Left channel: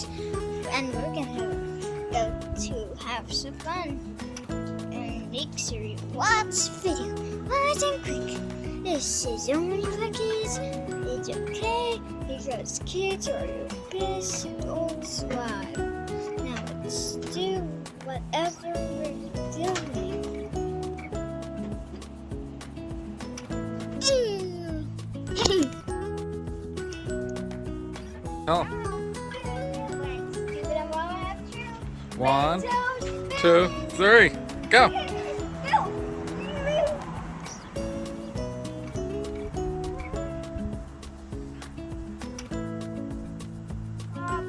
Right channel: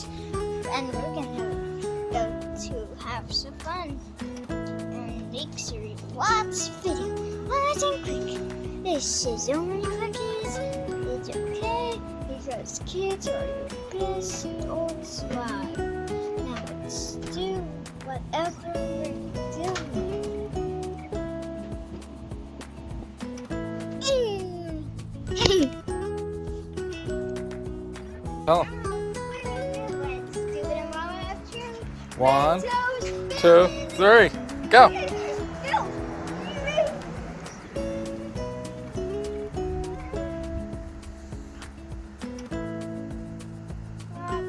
sisters, and we're gonna go to have some fun and make Siri watch video. Nice and quick. This is only for kids. It's okay because kids are your best adults live. Now let's do whatever we're doing. Oh. Let's do it a moment of truth. 1, 2, 3, go. Go.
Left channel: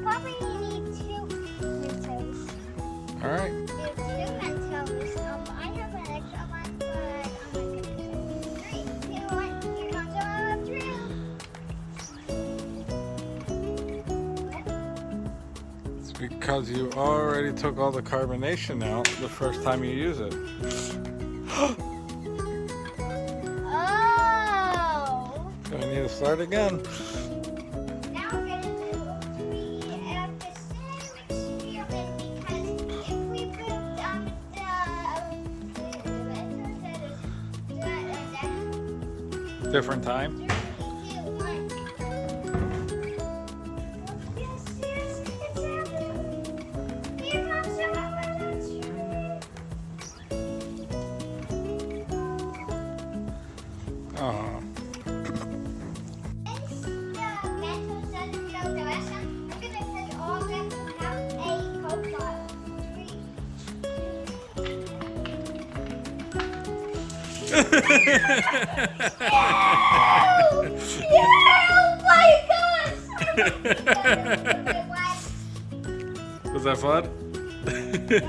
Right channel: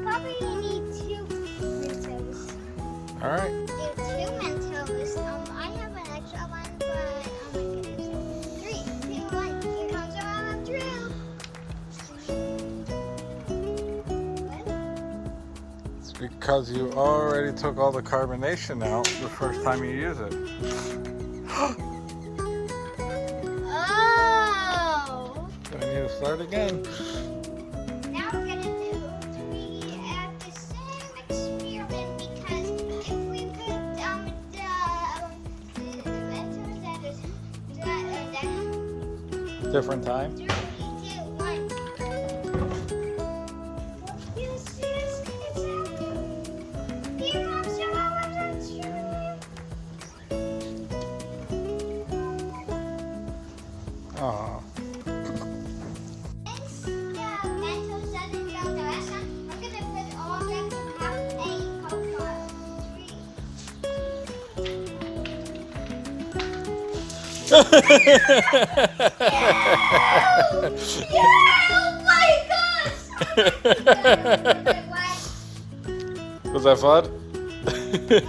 Probably need 2 Mentos. All right. And 2 Mentos. I have an extra one, but I'm gonna do 3, 2, 1. Here comes our drill. It's because you already took all the carbonation out the first time you use it. Oh. I need to start again. Now we're gonna do 3 at the same experiment because if we put the Mentos at Different time. 3, 2, 1. Yes, yes, it's happening. Here comes the moment of truth. Oh. Since the Mentos doesn't go the last time, I'm gonna put all of them to have a Coca-Cola. 3. Oh my gosh! Was that fun? Yes!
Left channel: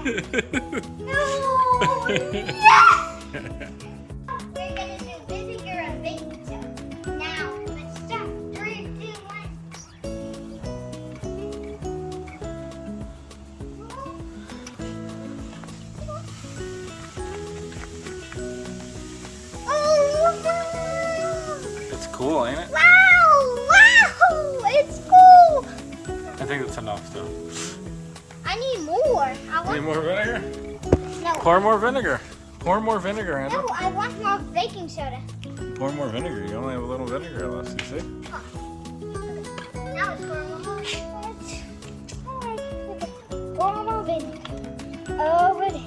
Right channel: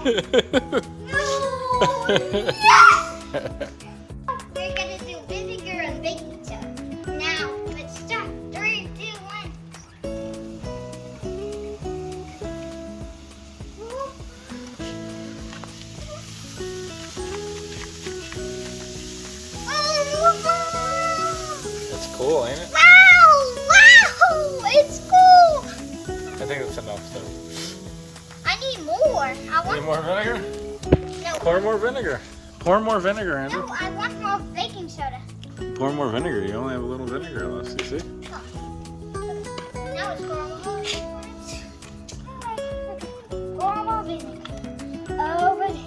We're gonna do vinegar and baking soda. Now, let's start. 3, 2, 1. It's cool, ain't it? Wow! Wow! It's cool! I think it's enough too. I need more. Need more vinegar? No. Pour more vinegar. Pour more vinegar, Andrew. No, I want more baking soda. Pour more vinegar. You only have a little vinegar left, you see? Now it's pour more. Pour more vinegar. Oh, wait.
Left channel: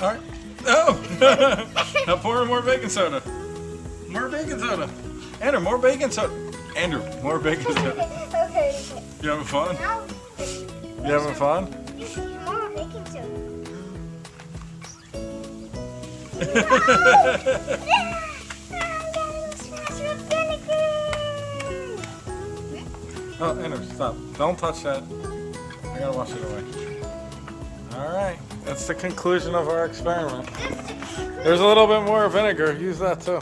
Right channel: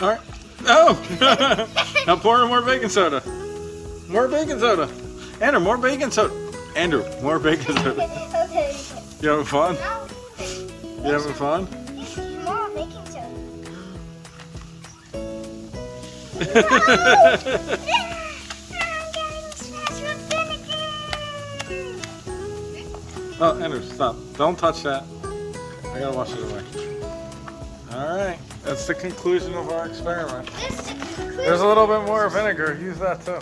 All right. Oh! Now pour in more baking soda. More baking soda. Andrew, more baking soda. Andrew, more baking soda. Okay. You having fun? Now, You having fun? more baking soda. I'm getting smashed with vinegar. Oh, Andrew, stop. Don't touch that. I gotta wash it away. All right. That's the conclusion of our experiment. There's a little bit more vinegar. Use that too.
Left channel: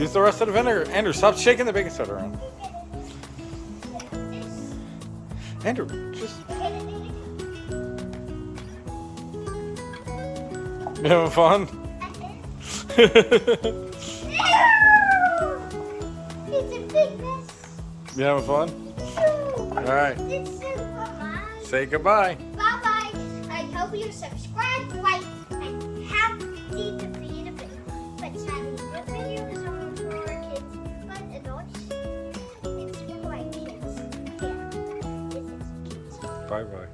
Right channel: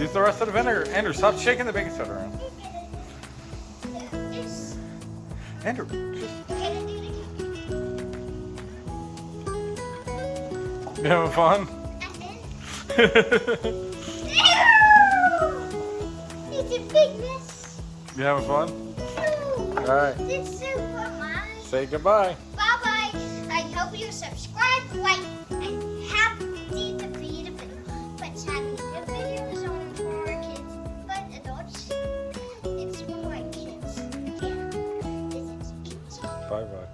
Use the rest of the vinegar. Andrew, stop shaking the baking soda around. Andrew, just... You having fun? It's a big mess. You having fun? All right. It's super mine. Say goodbye. Bye bye. I hope you subscribe, like, and happy to be the video. But having the video is only for kids, but adults, it's for kids. Yeah, this is kids. Bye-bye.